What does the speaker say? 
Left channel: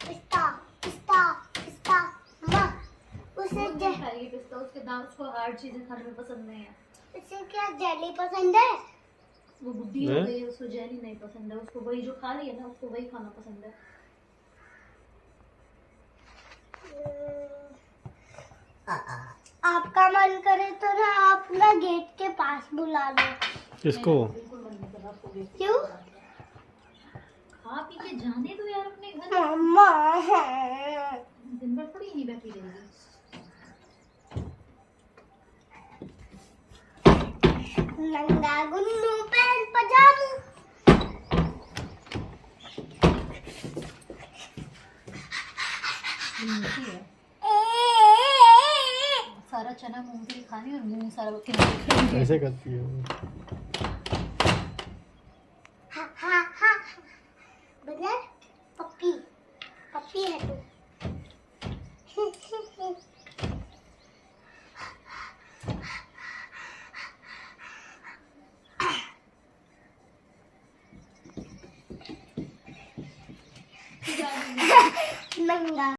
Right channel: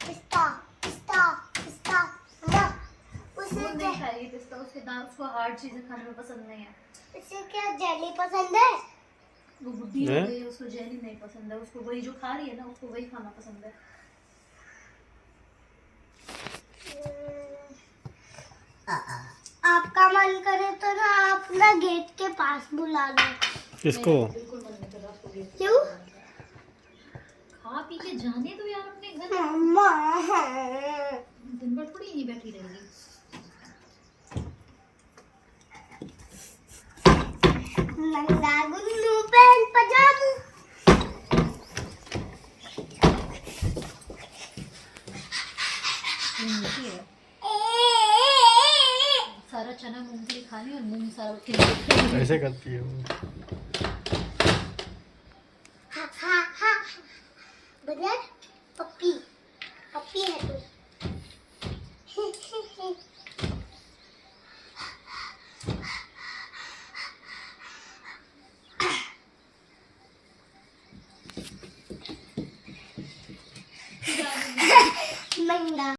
पिस्ता पिस्ता पिस्ता माँ उसे वो नहीं खाएगी पिस्ता, उसके दांत, उसको हार्ड चीजें खाने में पसंद नहीं है। उसे क्या जेली पसंद है? वो बुढ़ी हो हैं? गई है, उसको जेली नहीं पसंद है, उसको वही जो खा रही है ना, उसको वही खाना पसंद है। आपका मन करे तो ना आप ना गेट के पास बुला लो। किसको? नहीं, बिल्कुल मन नहीं कर रहा आपको गेट के क्यों? पास बुलाने का। खा पी के जाने दो यार अपने घर। मम्मा दिन भर थोड़ी यहीं बैठी रहेगी। नंगा गुन्नू पहन पजामा। मीठी है, सारा चना मूंगफली खानी और मूंग सारा ऐसे करती है वो। हा हा हा बदर पप्पी पप्पी है तू। नंगा